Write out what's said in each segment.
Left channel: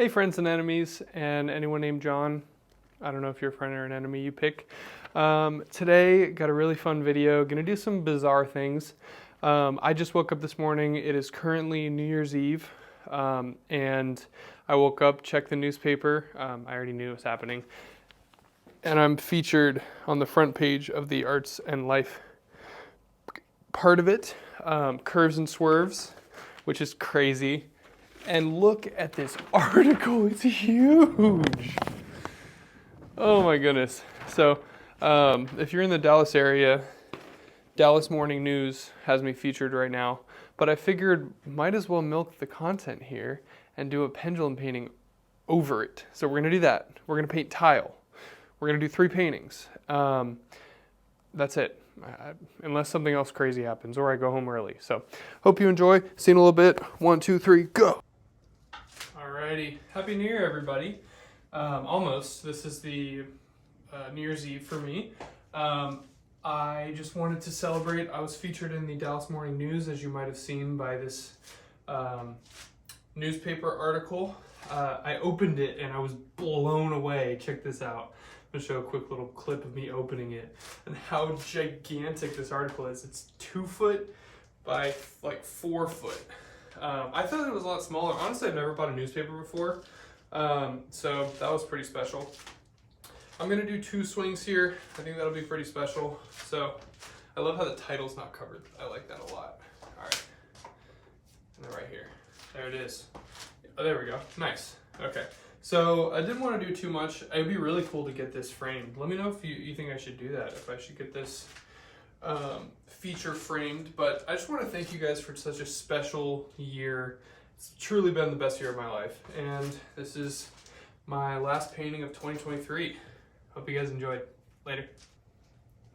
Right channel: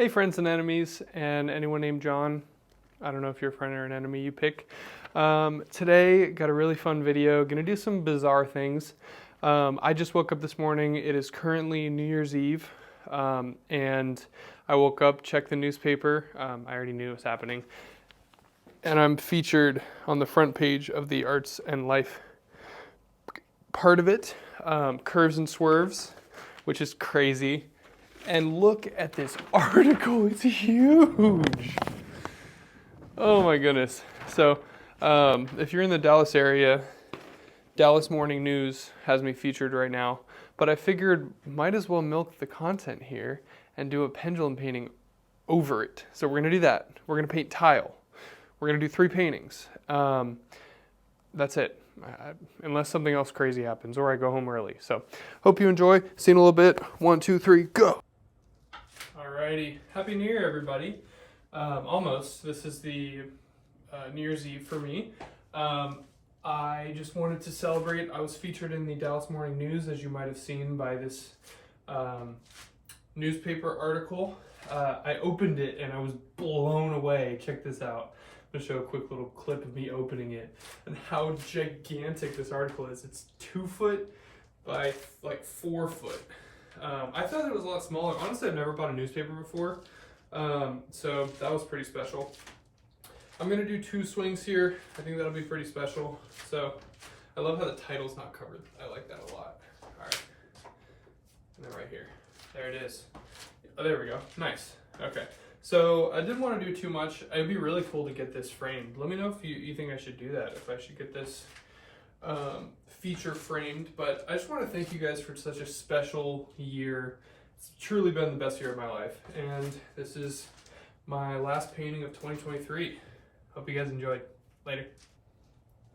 Hey friends and enemies, and anyone named John. I don't know if you're a friend or an enemy, you pick. Today, got a really fun video. Gonna do some bizarre things. I just woke up this morning. It is currently New Year's Eve, and I woke up, checked the newspaper. I already knew it was happening. And I'm featured on the front page of the Arts and Life part of it, Curves and Swerves, which is crazy. And look at this article, it's huge. Oh my goodness. So if you're in the Dallas area, Dallas Morning News has me featured right now, but I figured might as well milk the content here and do a pendulum painting over it. So we're gonna do that. We're gonna paint tile. We're gonna do 3 paintings. That's it. Unless something else crazy happens or I go home early. So hope you enjoy. See you in a little bit. 1, 2, 3, go. Alrighty, Happy New Year, everybody. Almost. This is the New Year's Eve for me. I just wanted to celebrate. I was featured in the Dallas Morning News, as you might have seen by this newspaper article. I opened it and I was blown away. Check this out. I'm going to show a quick little clip of me opening it and how gigantic this article is. It's 2 foot by like 4 foot. I thought it was a lot smaller. Honestly, I've never bought a newspaper before, so that was pretty special. I'm going to do 2 swings here. I think that'll be pretty special. So I love how the title's not covered. I like that a lot. All right. And then right here. There it is. Oh, there we go. Nice. Okay. So I didn't want to do too much. It'd be really cool to get this framed. Let me know if you think I should do that, if I should get this feature framed. But I just want to thank you guys for such a special year. It's truly been the best year of my life. And this is my last painting of 2023. Hope you guys enjoyed. Later.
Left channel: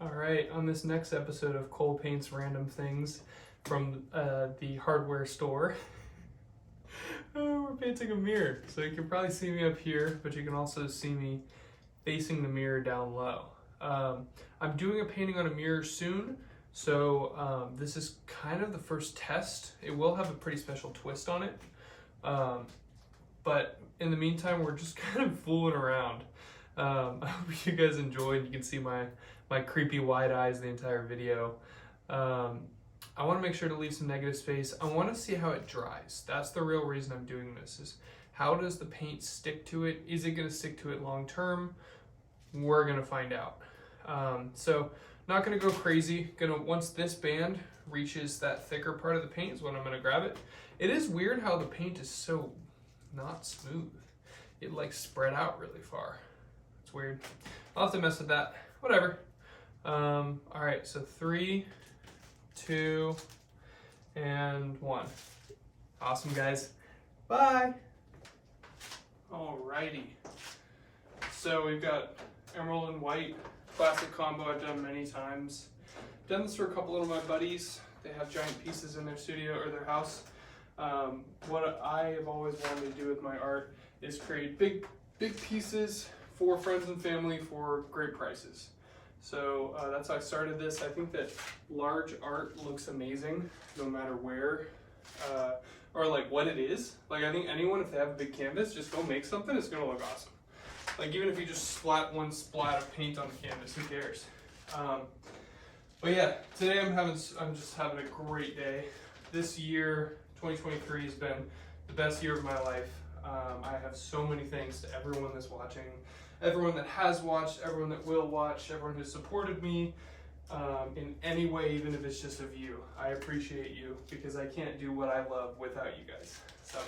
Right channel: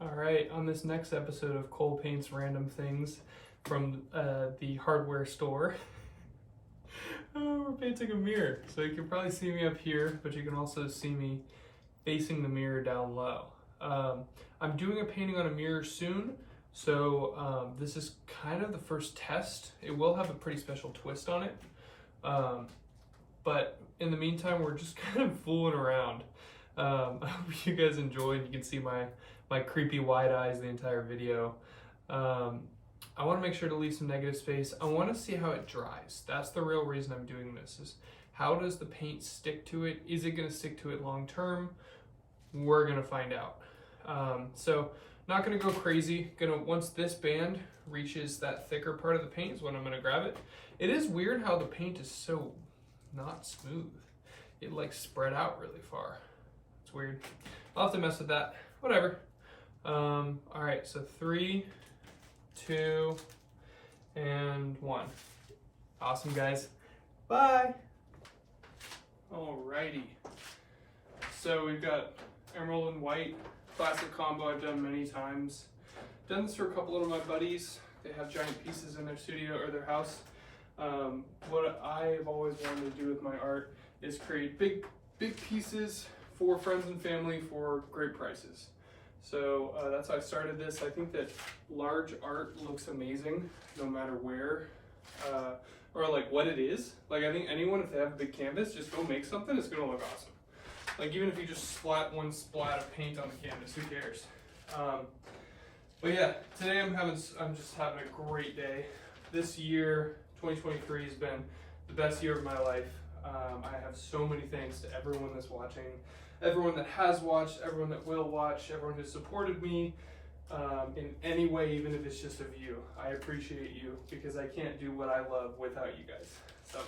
All right, on this next episode of Cole Paints Random Things from the hardware store, we're painting a mirror. So you can probably see me up here, but you can also see me facing the mirror down low. I'm doing a painting on a mirror soon, so this is kind of the first test. It will have a pretty special twist on it, but in the meantime, we're just kind of fooling around. I hope you guys enjoyed. You can see my creepy wide eyes the entire video. I want to make sure to leave some negative space. I want to see how it dries. That's the real reason I'm doing this, is how does the paint stick to it? Is it going to stick to it long term? We're going to find out. So not going to go crazy. Once this band reaches that thicker part of the paint is when I'm going to grab it. It is weird how the paint is so not smooth. It like spread out really far. It's weird. I'll have to mess with that. Whatever. All right, so 3, 2, and 1. Awesome, guys. Bye. Alrighty. So we've got emerald and white classic combo I've done many times. Done this for a couple of my buddies. They have giant pieces in their studio or their house. What I've always wanted to do with my art is create big pieces for friends and family for great prices. So that's how I started this. I think that large art looks amazing no matter where or like what it is. Like I think anyone, if they have a big canvas, just go make something, it's gonna look awesome. Like even if you just splat one splat of paint on the canvas, who cares? But yeah, today I'm just having a great day. This year, 2023 has been the best year of my life. I have so many thanks to everyone that's watching, everyone that has watched, everyone that will watch, everyone who supported me in any way, even if it's just a view. I appreciate you because I can't do what I love without you guys. So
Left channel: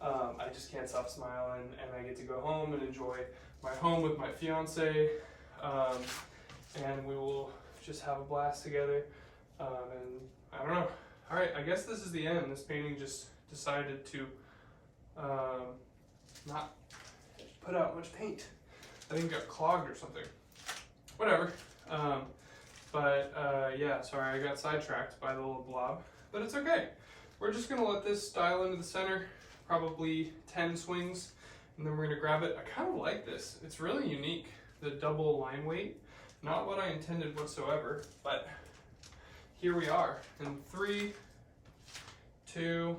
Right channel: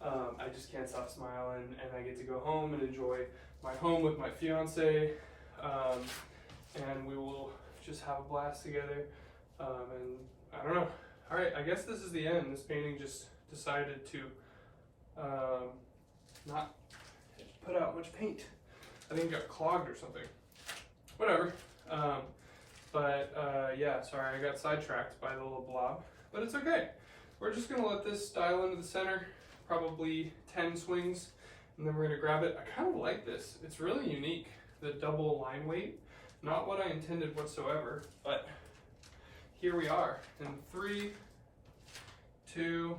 I just can't stop smiling, and I get to go home and enjoy my home with my fiance, and we will just have a blast together. And I don't know. All right, I guess this is the end. This painting just decided to not put out much paint. I think it got clogged or something. Whatever. Yeah, sorry, I got sidetracked by the little blob, but it's okay. We're just gonna let this dial into the center, probably 10 swings, and then we're gonna grab it. I kind of like this. It's really unique, the double line weight. Not what I intended whatsoever, but here we are. In 3, 2,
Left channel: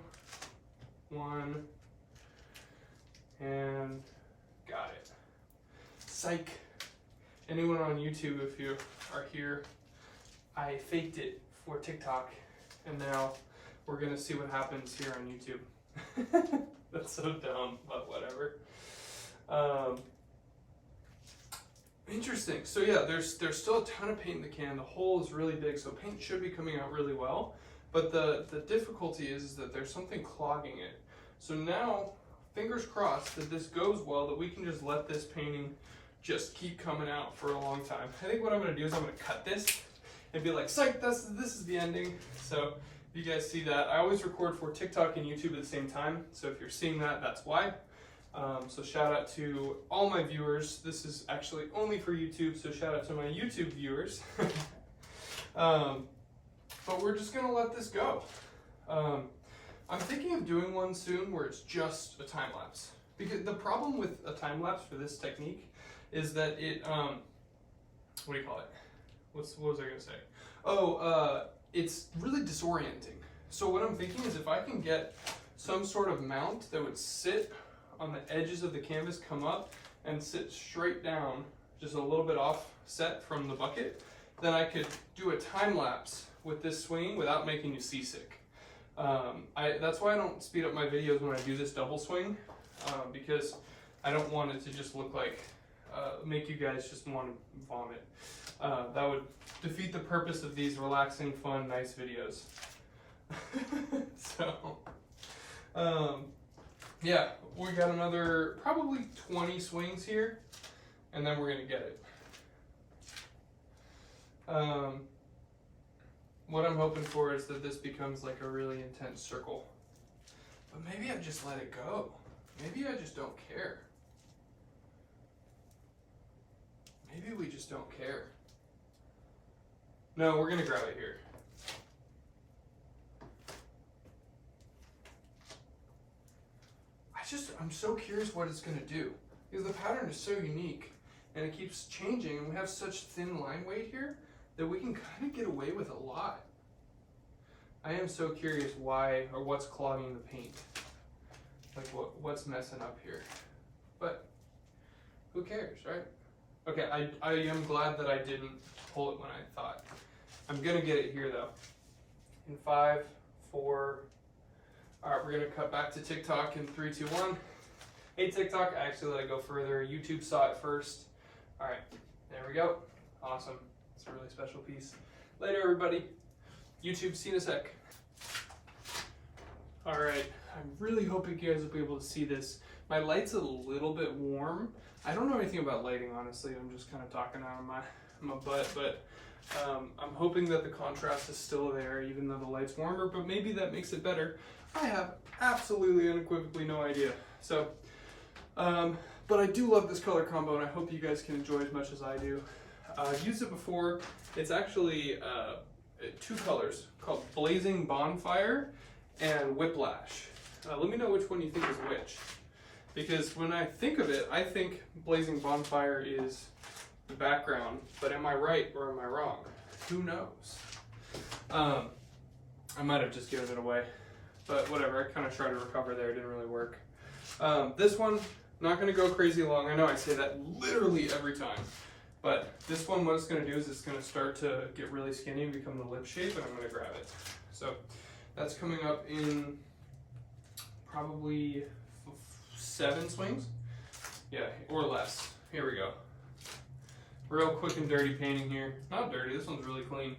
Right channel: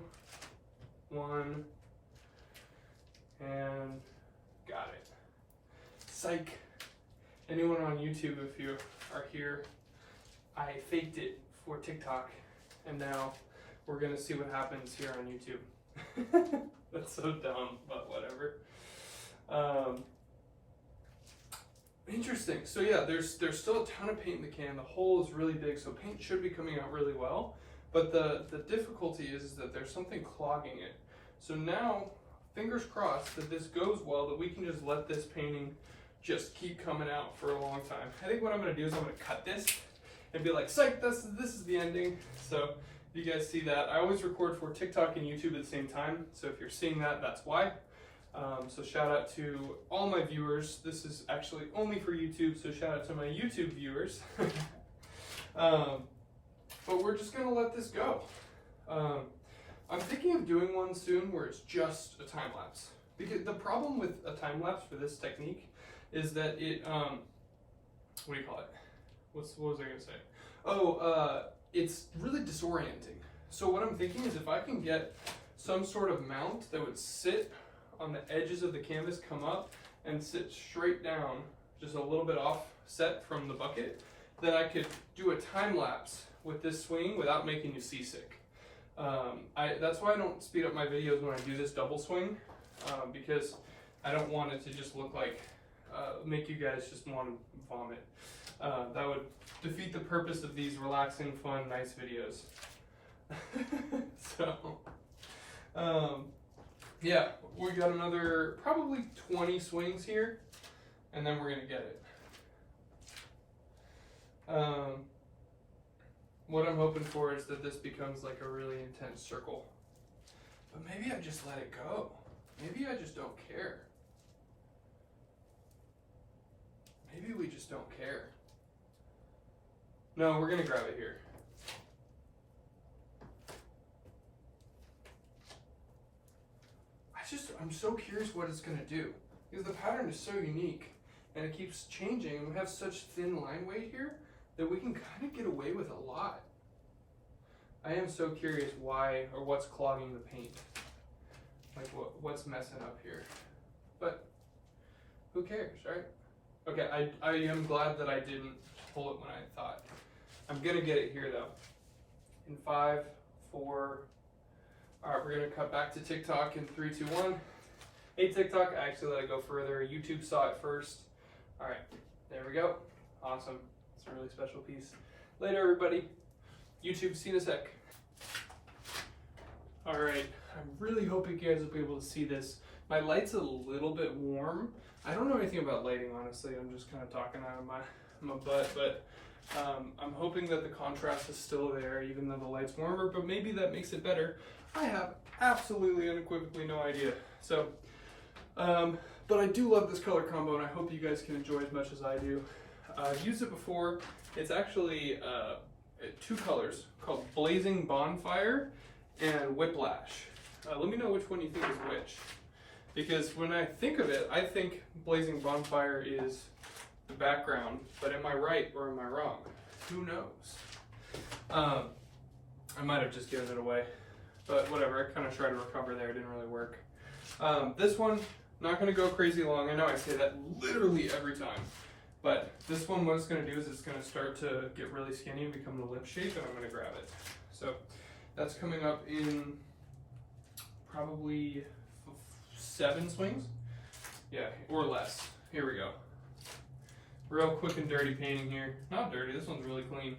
1, and psych. Anyone on YouTube, if you are here, I faked it for TikTok, and now we're gonna see what happens here on YouTube. That's so dumb, but whatever. Interesting. So yeah, there's still a ton of paint in the can. The hole is really big, so paint should be coming out really well. But the difficulty is that there's something clogging it. So now, fingers crossed that this goes well, that we can just let this painting just keep coming out for a long time. I think what I'm gonna do is I'm gonna cut this and be like, psych, this is the ending. So if you guys see that, I always record for TikTok and YouTube at the same time. So if you're seeing that, that's why. So shout out to all my viewers. This is actually only for YouTube, so shout out to my YouTube viewers. But we're just gonna let this go. I'm thinking of doing one soon where it's just a time lapse. Because the problem with a time lapse for this technique is that it, what do you call it? What was I gonna say? Oh, it's really disorienting. So what I'm thinking is if I can get some sort of mount that would sit on the edges of the canvas, come up and sit straight down, just a little bit offset from the bucket, then I could do a time lapse with this swing without making you seasick. That's why I don't speed up my videos when I do this double swing, because I don't want it to just look like, make you guys just want to vomit. That would defeat the purpose of these relaxing, fun, nice videos. So, yeah, we got another probably 20 swings here, and then we're gonna get it. What I'm hoping for is that this becomes like a really intense circle. But maybe I just let it go. Maybe I just don't care. Maybe we just don't care. No, we're gonna grab it here. I'm so curious what it's gonna do. Because the pattern is so unique and it keeps changing, and we have such thin line weight here that we can kind of get away with a lot. I am so curious why, or what's clogging the paint. Like what's messing up here. But who cares, right? Okay, I am glad that I didn't pull it when I thought. I'm gonna get it here though. In 5, 4, all right, we're gonna cut back to TikTok in 3, 2, 1. Hey TikTok, I actually let it go further. YouTube saw it first. All right, there we go. Awesome. It's a really special piece. Later, everybody. YouTube, see you in a sec. All right, I'm really hoping you guys will be able to see this. My light's a little bit warm. I don't know anything about lighting, honestly. I'm just kind of talking out of my butt, but I'm hoping that the contrast is still there, even though the light's warmer, but maybe that makes it better. I have absolutely unequivocally no idea. So, but I do love this color combo, and I hope you guys can enjoy as much as I do. I've used it before. It's actually 2 colors called Blazing Bonfire and Whiplash. Let me know which one you think is which. Because when I think of it, I think Blazing Bonfire is the background, but am I right or am I wrong? Who knows? I might have just given it away, but whatever, I kind of tried to recover there, it didn't really work. This one, not gonna go crazy long. I know I say that literally every time, but this one, what it's gonna do is it's gonna start to get really skinny and become the lip shape, and I'm gonna grab it. So that's coming up in probably 7 swings. Yeah, or less. Here we go. Real quick and dirty painting here. Not dirty, this one's really clean.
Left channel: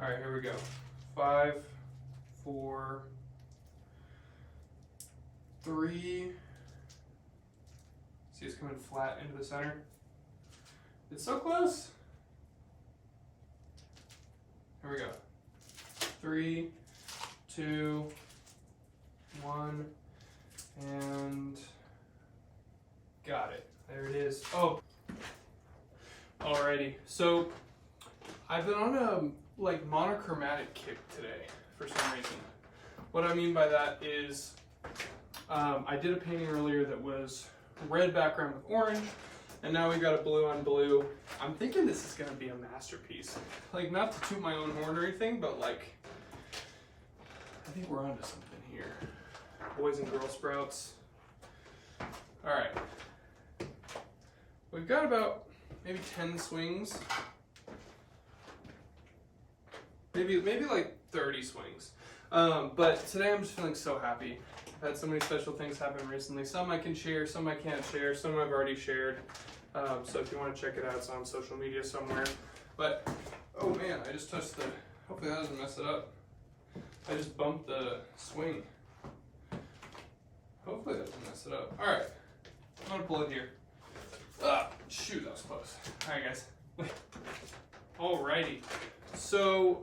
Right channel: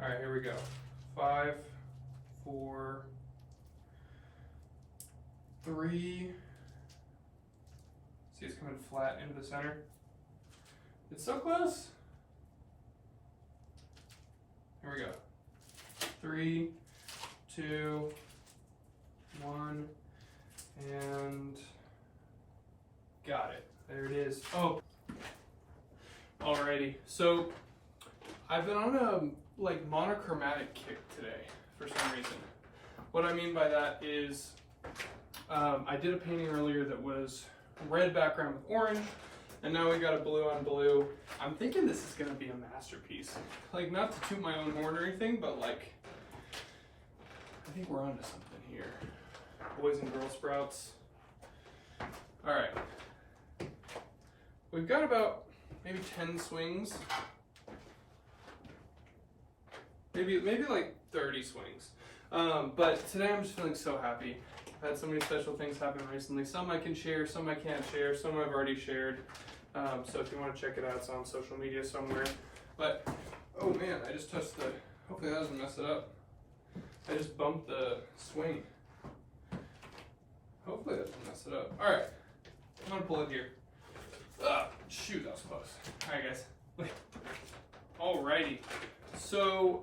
All right, here we go. 5, 4, 3. See, it's coming flat into the center. It's so close. Here we go. 3, 2, 1, and got it. There it is. Oh, alrighty. So I've been on a monochromatic kick today for some reason. What I mean by that is I did a painting earlier that was red background with orange, and now we got a blue on blue. I'm thinking this is gonna be a masterpiece. Like, not to toot my own horn or anything, but like, I think we're onto something here. Boys and Girl Sprouts. All right. we've got about maybe 10 swings. Maybe like 30 swings. But today I'm just feeling so happy. I've had so many special things happen recently. Some I can share, some I can't share, some I've already shared. So if you want to check it out, it's on social media somewhere. But, oh man, I just touched the, hopefully that doesn't mess it up. I just bumped the swing. Hopefully that doesn't mess it up. All right, I'm gonna pull it here. Ah, shoot, that was close. All right, guys. Alrighty. So,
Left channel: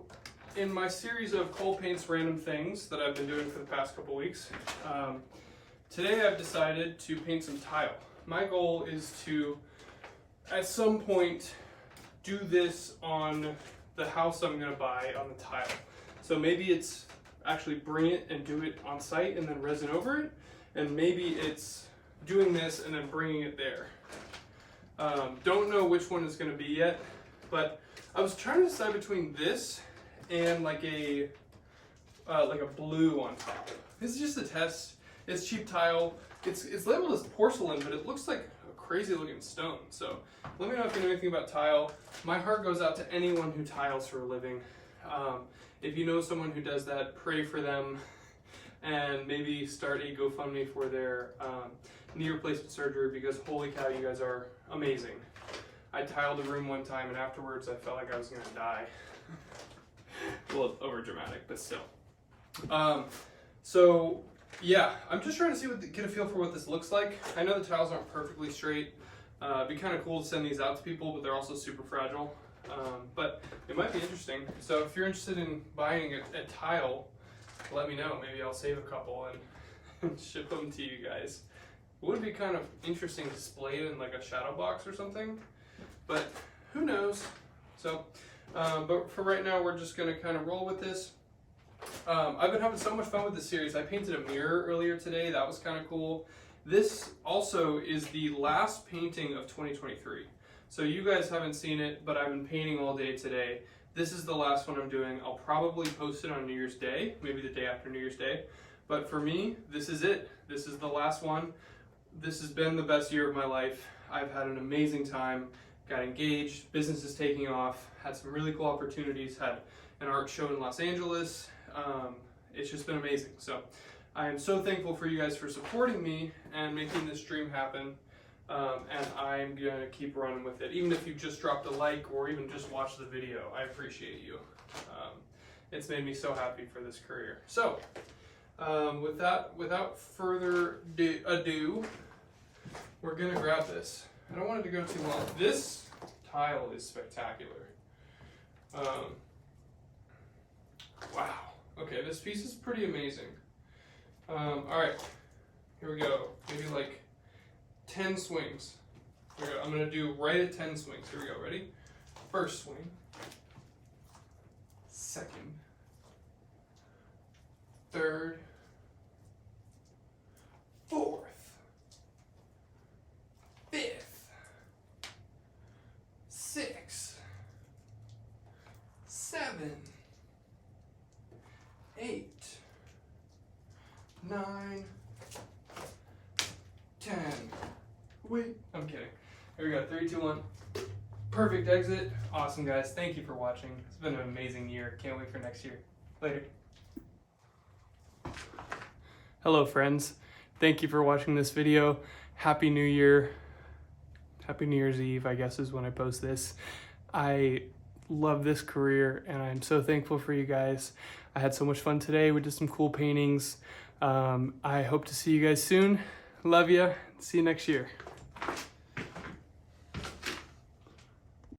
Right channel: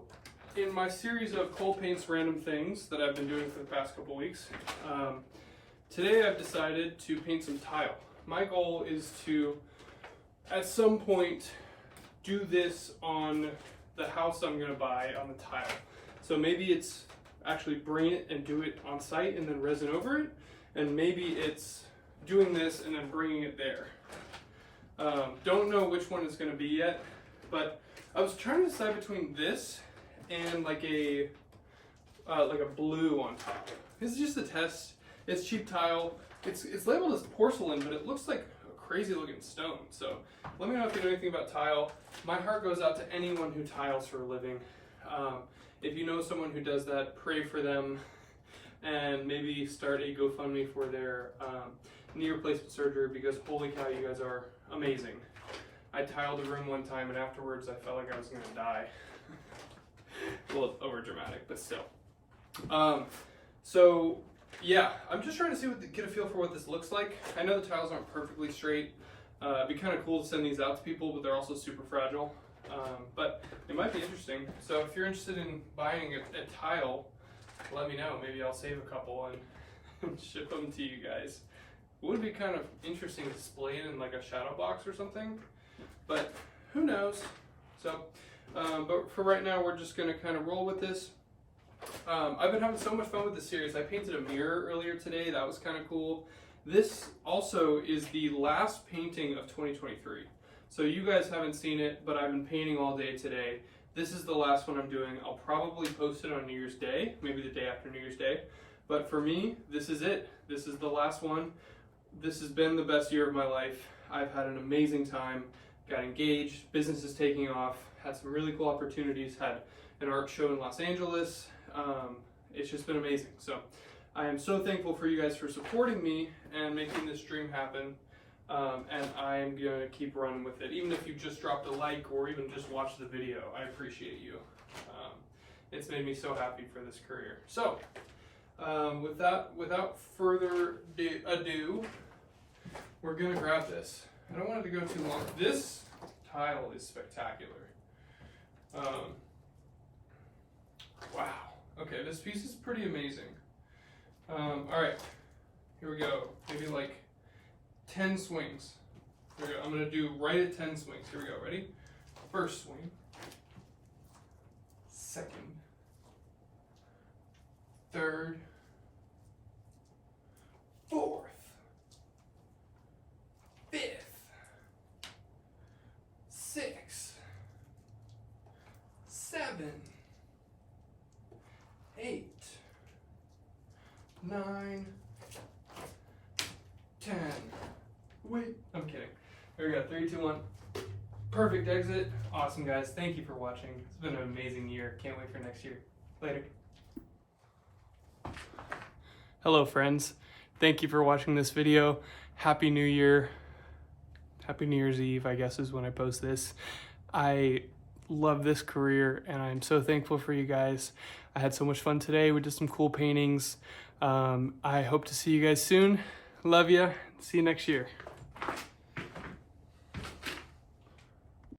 in my series of Cole Paints Random Things that I've been doing for the past couple weeks, today I've decided to paint some tile. My goal is to, at some point, do this on the house I'm gonna buy on the tile. So maybe it's actually bring it and do it on site and then resin over it, and maybe it's doing this and then bringing it there. Don't know which one it's gonna be yet, but I was trying to decide between this and like a blue on top. This is just a test. It's cheap tile. It's labeled as porcelain, but it looks like a crazy looking stone. So let me know if you know anything about tile. My heart goes out to anyone who tiles for a living. If you know someone who does that, pray for them, and maybe start a GoFundMe for their knee replacement surgery, because holy cow, you guys are amazing. I tiled a room one time and afterwards I felt like I was gonna die. Well, it's over dramatic, but still. So yeah, I'm just trying to see get a feel for what this looks like. I know the tiles aren't perfectly straight. It'd be kind of cool to send these out to people, but they're also super fragile. But it might be interesting. So if you're interested in buying a tile, let me know. Maybe I'll save a couple and ship them to you guys. It would be kind of interesting to display it in like a shadow box or something, but who knows? So, but for right now, we're just gonna kind of roll with this. I've been having so much fun with this series. I painted a mirror earlier today. That was kind of cool. This also is the last painting of 2023. So you guys haven't seen it, but I've been painting all day today. This is the last one I'm doing. I'll probably post it on New Year's Day, maybe the day after New Year's Day. But for me, this is it. This is the last one. This has been the best year of my life. I've had an amazing time, got engaged, business is taking off, had some really cool opportunities, had an art show in Los Angeles. It's just been amazing. So I am so thankful for you guys for supporting me and making this dream happen. And I'm gonna keep running with it. Even if you just dropped a like or even just watched the video, I appreciate you. It's made me so happy for this career. So, without further ado, we're gonna grab this. I don't want it to go too long. This tile is spectacular. Wow. Okay, this piece is pretty amazing. All right, here we go. Maybe like 10 swings. Here we go. I'm gonna do right at 10 swings. Here we go. Ready? First swing. Second. Third. Fourth. Fifth. Sixth. 7. 8. 9. 10. Wait, I'm kidding. Here we go, 3, 2, 1. Perfect exit. Awesome, guys. Thank you for watching. It's been an amazing year. Can't wait for next year. Later. Hello, friends. Thank you for watching this video. Happy New Year. Happy New Year's Eve, I guess, is when I post this. I love this career, and I'm so thankful for you guys. I had so much fun today. We did some cool paintings. I hope to see you guys soon. Love ya. See you next year.